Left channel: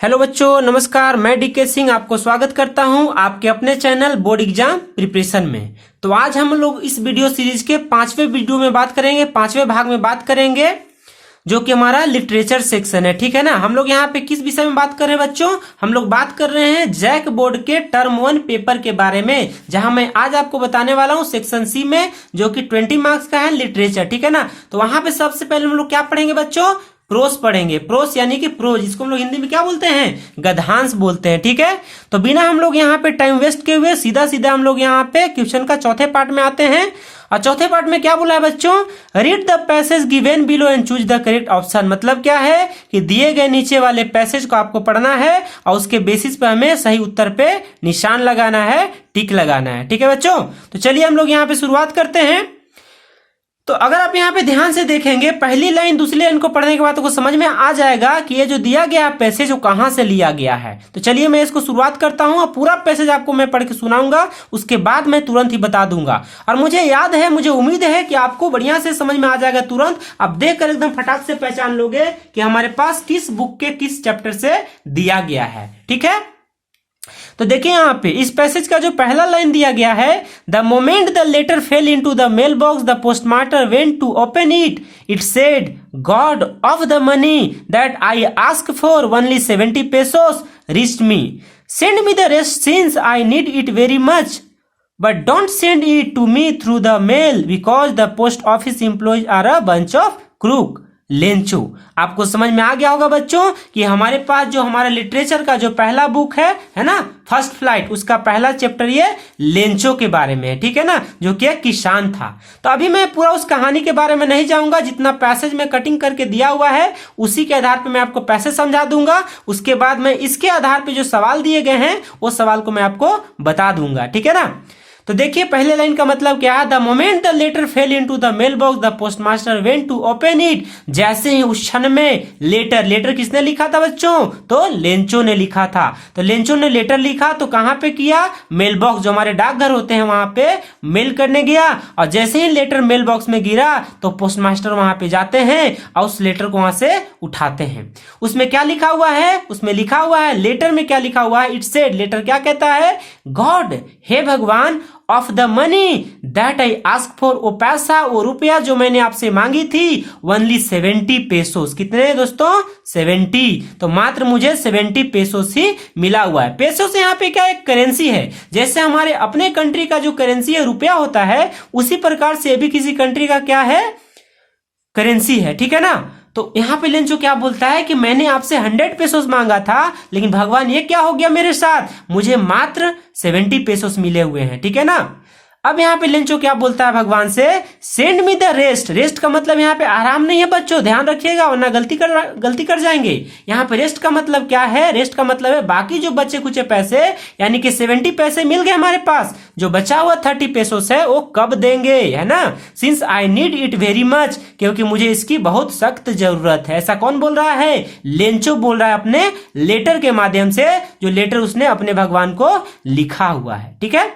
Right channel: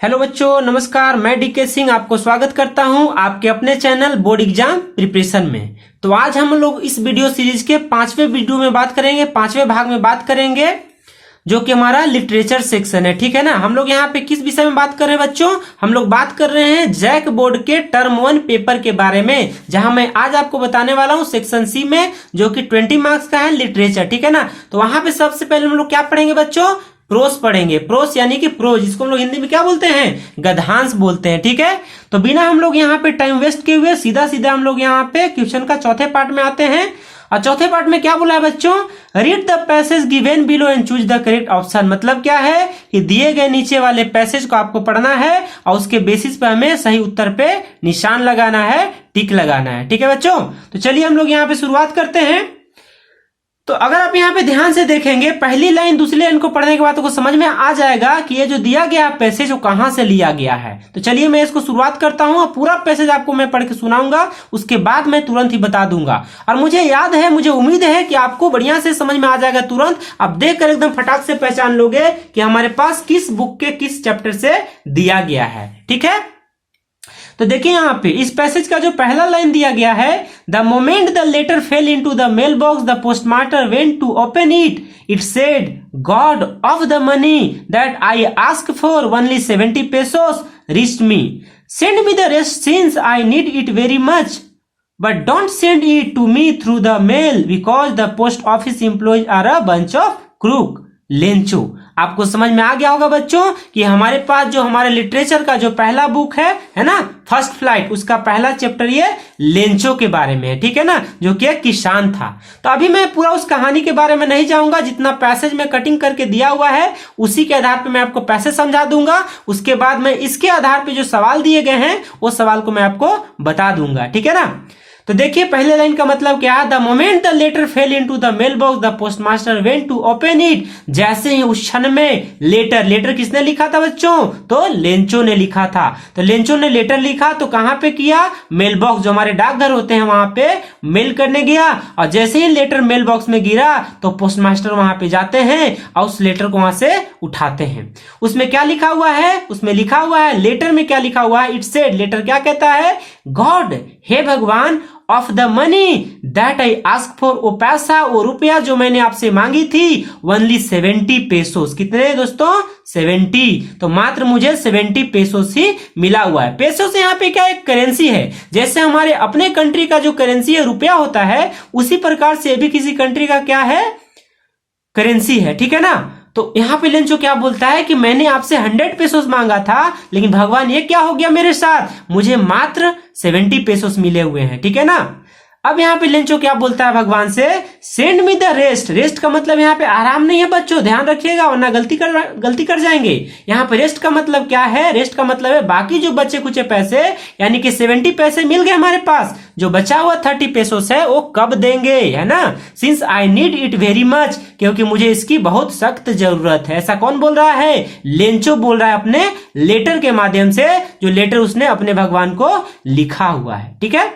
Hello बच्चों, नमस्कार। मैं डीके सिंह आपको स्वागत करता हूं आपके अपने चैनल बोर्ड एग्जाम प्रिपरेशन में। तो आज हम लोग इस वीडियो सीरीज के पांचवें वीडियो में बात करेंगे, पांचवें भाग में बात करेंगे, जो कि हमारा लिटरेचर सेक्शन है। ठीक है ना। हम लोग यहाँ पे किस विषय में बात कर रहे हैं बच्चों? हम लोग बात कर रहे हैं जैक बोर्ड के टर्म 1 पेपर के बारे में, जहां मैं आज आपको बताने वाला हूं सेक्शन सी में, जो कि 20 मार्क्स का है लिटरेचर। ठीक है ना। तो वहां पे सबसे पहले हम लोग क्या पढ़ेंगे बच्चों? प्रोस पढ़ेंगे। प्रोस यानी कि प्रोज, जिसको हम लोग हिंदी में क्या बोलते हैं? गद्यांश बोलते हैं। ठीक है। तो बिना हम लोग यहाँ पे टाइम वेस्ट किए हुए सीधा सीधा हम लोग यहाँ पे क्वेश्चन का चौथे पार्ट में आते हैं। और चौथे पार्ट में क्या बोला है बच्चों? Read the passage given below and choose the correct option. मतलब क्या है कि दिए गए नीचे वाले पैसेज को आपको पढ़ना है और उसके बेसिस पे हमें सही उत्तर पे निशान लगाना है, टिक लगाना है। ठीक है बच्चों। तो चलिए हम लोग यहाँ पे शुरुआत करते हैं। तो अगर आप यहाँ पे ध्यान से देखेंगे, पहली लाइन दूसरी लाइन को पढ़ने के बाद आपको समझ में आ जाएगा कि ये जो दिया गया पैसेज वो कहाँ से लिया गया है। तो चलिए मैं इसको शुरुआत करता हूँ और पूरा पैसेज आपको मैं पढ़ के सुनाऊंगा, उसके बाद मैं तुरंत ही बता दूंगा। और मुझे याद है, मुझे उम्मीद है कि आपको बढ़िया से समझ में आ जाएगा तुरंत। आप देख कर एकदम फटाक से पहचान लोगे कि हमारे पास किस बुक के किस चैप्टर से दिया गया है। ठीक है। तो देखिए यहाँ पे इस पैसेज का जो पहला लाइन दिया गया है, the moment the letter fell into the mail box the postmaster went to open it, it said god of the money that I ask for only 70 pesos reached me, send me the rest since I need it very much, but don't send it to me through the mail because the post office employees are a bunch of crook। Lencho. आपको समझ में आ गया होगा बच्चों कि हमारे पास जो हमारे लिटरेचर का जो पहला बुक है ना, फर्स्ट फ्लाइट, उसका पहला चैप्टर ये लेंचो के बारे में है। ठीक है ना, जो कि एक किसान था। तो अभी मैं पूरा उस कहानी के बारे में नहीं जाऊंगा, जितना पैसेज में कटिंग करके दिया हुआ है उसी के आधार पर मैं आपको पैसेज समझा दूंगा। उसके बाद मैं इसके आधार पर जो सवाल दिए गए हैं वो सवाल को मैं आपको बता दूंगा। ठीक है ना। तो देखिए पहले लाइन का मतलब क्या है? The moment the letter fell into the mail box the postmaster went to open it. जैसे ही उस क्षण में लेटर किसने लिखा था बच्चों? तो लेंचो ने लिखा था। तो लेंचो ने लेटर लिखा तो कहां पे किया? मेल बॉक्स, जो हमारे डाकघर होते हैं वहां पे मेल करने गया। और जैसे ही लेटर मेल बॉक्स में गिरा तो पोस्टमास्टर वहां पे जाते हैं और उस लेटर को वहां से उठाते हैं। उसमें क्या लिखा हुआ है? उसमें लिखा हुआ है, लेटर में क्या लिखा हुआ है? इट सेड, लेटर क्या कहता है? गॉड, हे भगवान, of the money that I ask for, वो पैसा, वो रुपया जो मैंने आपसे मांगी थी, ओनली 70 pesos। कितने दोस्तों? 70। तो मात्र मुझे 70 pesos ही मिला हुआ है। पेसोस यहाँ पे क्या एक करेंसी है। जैसे हमारे अपने कंट्री का जो करेंसी है रुपया होता है, उसी प्रकार से भी किसी कंट्री का क्या है? करेंसी है। ठीक है ना। तो यहाँ पे लेंचो क्या बोलता है कि मैंने आपसे 100 pesos मांगा था, लेकिन भगवान ये क्या हो गया मेरे साथ? मुझे मात्र 70 pesos मिले हुए हैं। ठीक है ना। अब यहाँ पे लेंचो क्या बोलता है भगवान से? Send me the rest. Rest का मतलब यहाँ पे आराम नहीं है बच्चों, ध्यान रखिएगा वरना गलती कर जाएंगे। यहाँ पे रेस्ट का मतलब क्या है? रेस्ट का मतलब है बाकी जो बचे कुछ पैसे, यानी कि 70 पैसे मिल गए हमारे पास, जो बचा हुआ 30 pesos है वो कब देंगे, है ना। Since I need it very much, क्योंकि मुझे इसकी बहुत सख्त जरूरत है। ऐसा कौन बोल रहा है? लेंचो बोल रहा है अपने लेटर के माध्यम से, जो लेटर उसने अपने भगवान को लिखा हुआ है। ठीक है।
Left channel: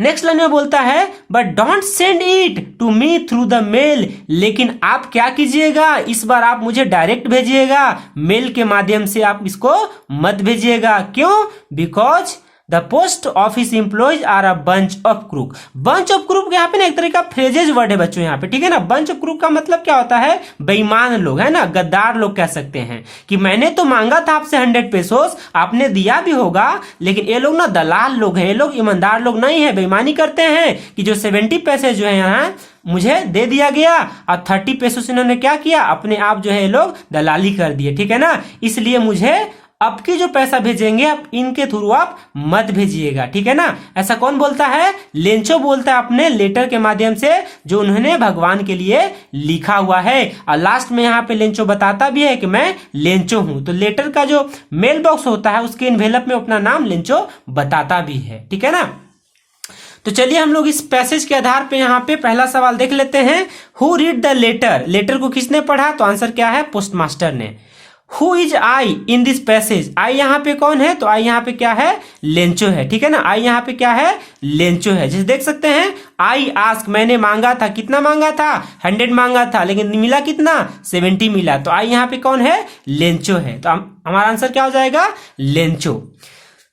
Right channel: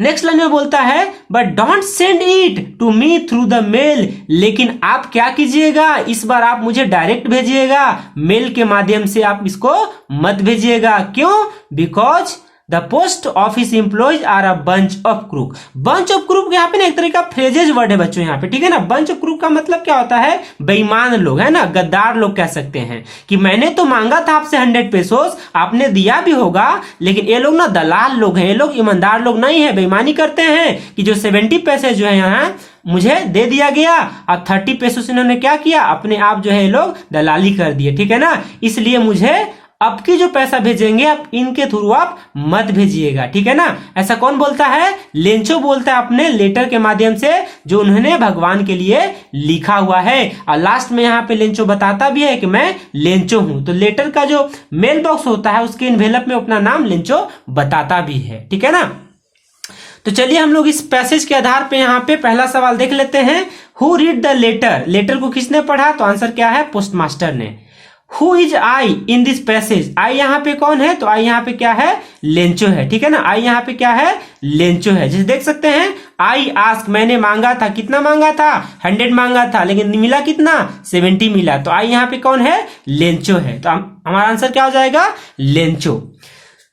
नेक्स्ट लाइन में बोलता है but don't send it to me through the mail, लेकिन आप क्या कीजिएगा? इस बार आप मुझे डायरेक्ट भेजिएगा, मेल के माध्यम से आप इसको मत भेजिएगा। क्यों? Because the post office employees are a bunch of crook. Bunch of crook यहाँ पे ना एक तरह का फ्रेजेज वर्ड है बच्चों यहाँ पे। ठीक है ना। बंच ऑफ क्रूक का मतलब क्या होता है? बेईमान लोग, है ना, गद्दार लोग कह सकते हैं। कि मैंने तो मांगा था आपसे 100 pesos, आपने दिया भी होगा, लेकिन ये लोग ना दलाल लोग हैं, ये लोग ईमानदार लोग नहीं है, बेईमानी करते हैं कि जो 70 पैसे जो है यहाँ मुझे दे दिया गया और 30 pesos इन्होंने क्या किया? अपने आप जो है ये लोग दलाली कर दिए। ठीक है ना। इसलिए मुझे अब की जो पैसा भेजेंगे आप इनके थ्रू आप मत भेजिएगा। ठीक है ना। ऐसा कौन बोलता है? लेंचो बोलता है अपने लेटर के माध्यम से, जो उन्होंने भगवान के लिए लिखा हुआ है। और लास्ट में यहाँ पे लेंचो बताता भी है कि मैं लेंचो हूं। तो लेटर का जो मेल बॉक्स होता है उसके इन्वेलप में अपना नाम लेंचो बताता भी है। ठीक है ना। तो चलिए हम लोग इस पैसेज के आधार पे यहाँ पे पहला सवाल देख लेते हैं। Who read the letter. Letter को किसने पढ़ा? तो आंसर क्या है? पोस्टमास्टर ने। Who is I in this passage. I यहाँ पे कौन है, तो आई यहाँ पे क्या है, लेंचो है, ठीक है ना। आई यहाँ पे क्या है, लेंचो है। जैसे देख सकते हैं, आई आस्क, मैंने मांगा था, कितना मांगा था, 100 मांगा था, लेकिन मिला कितना, 70 मिला। तो आई यहाँ पे कौन है, लेंचो है। तो हमारा आंसर क्या हो जाएगा, लेंचो।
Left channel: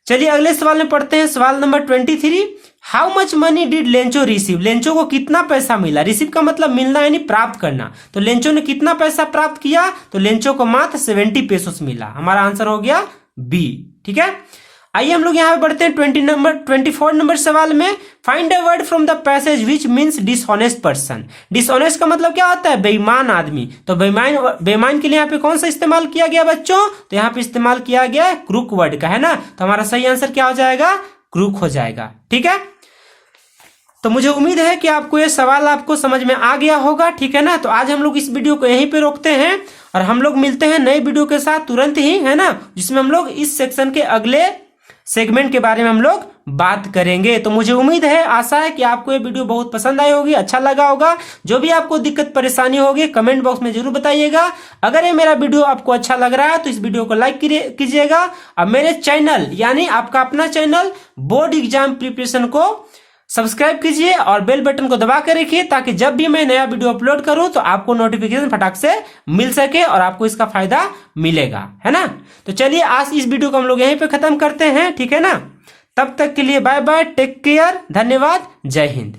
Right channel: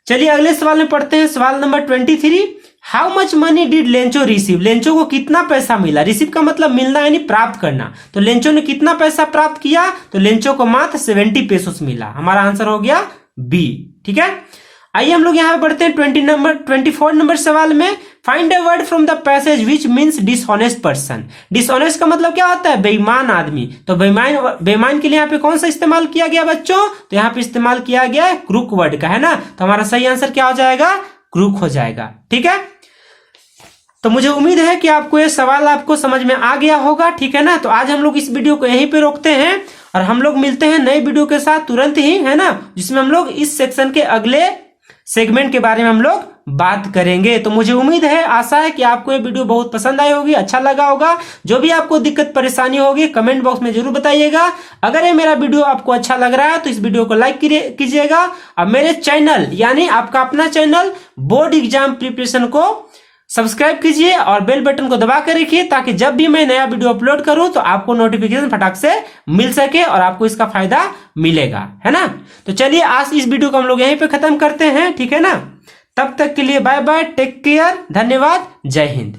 चलिए अगले सवाल में पढ़ते हैं, सवाल number 23। How much money did Lencho receive. Lencho को कितना पैसा मिला। रिसीव का मतलब मिलना यानी प्राप्त करना। तो लेंचो ने कितना पैसा प्राप्त किया, तो लेंचो को मात्र 70 पेसोस मिला। हमारा आंसर हो गया बी, ठीक है। आइए हम लोग यहाँ पे बढ़ते हैं 24 नंबर सवाल में। Find a word from the passage which means dishonest person. Dishonest का मतलब क्या होता है, बेईमान आदमी। तो बेईमान के लिए यहाँ पे कौन सा इस्तेमाल किया गया बच्चों, तो यहाँ पे इस्तेमाल किया गया है क्रूक वर्ड का, है ना। तो हमारा सही आंसर क्या हो जाएगा, क्रूक हो जाएगा, ठीक है। तो मुझे उम्मीद है कि आपको ये सवाल आपको समझ में आ गया होगा, ठीक है ना। तो आज हम लोग इस वीडियो को यहीं पे रोकते हैं और हम लोग मिलते हैं नए वीडियो के साथ तुरंत ही, है ना, जिसमें हम लोग इस सेक्शन के अगले सेगमेंट के बारे में हम लोग बात करेंगे। तो मुझे उम्मीद है, आशा है कि आपको ये वीडियो बहुत पसंद आई होगी, अच्छा लगा होगा। जो भी आपको दिक्कत परेशानी होगी कमेंट बॉक्स में जरूर बताइएगा। अगर ये मेरा वीडियो आपको अच्छा लग रहा है तो इस वीडियो को लाइक कीजिएगा और मेरे चैनल यानी आपका अपना चैनल बोर्ड एग्जाम प्रिपरेशन को सब्सक्राइब कीजिए और बेल बटन को दबा कर रखिए, ताकि जब भी मैं नया वीडियो अपलोड करूं तो आपको नोटिफिकेशन फटाक से मिल सके और आपको इसका फायदा मिलेगा, है ना। तो चलिए आज इस वीडियो को हम लोग यहीं पे खत्म करते हैं, ठीक है ना। तब तक के लिए बाय बाय, टेक केयर, धन्यवाद, जय हिंद।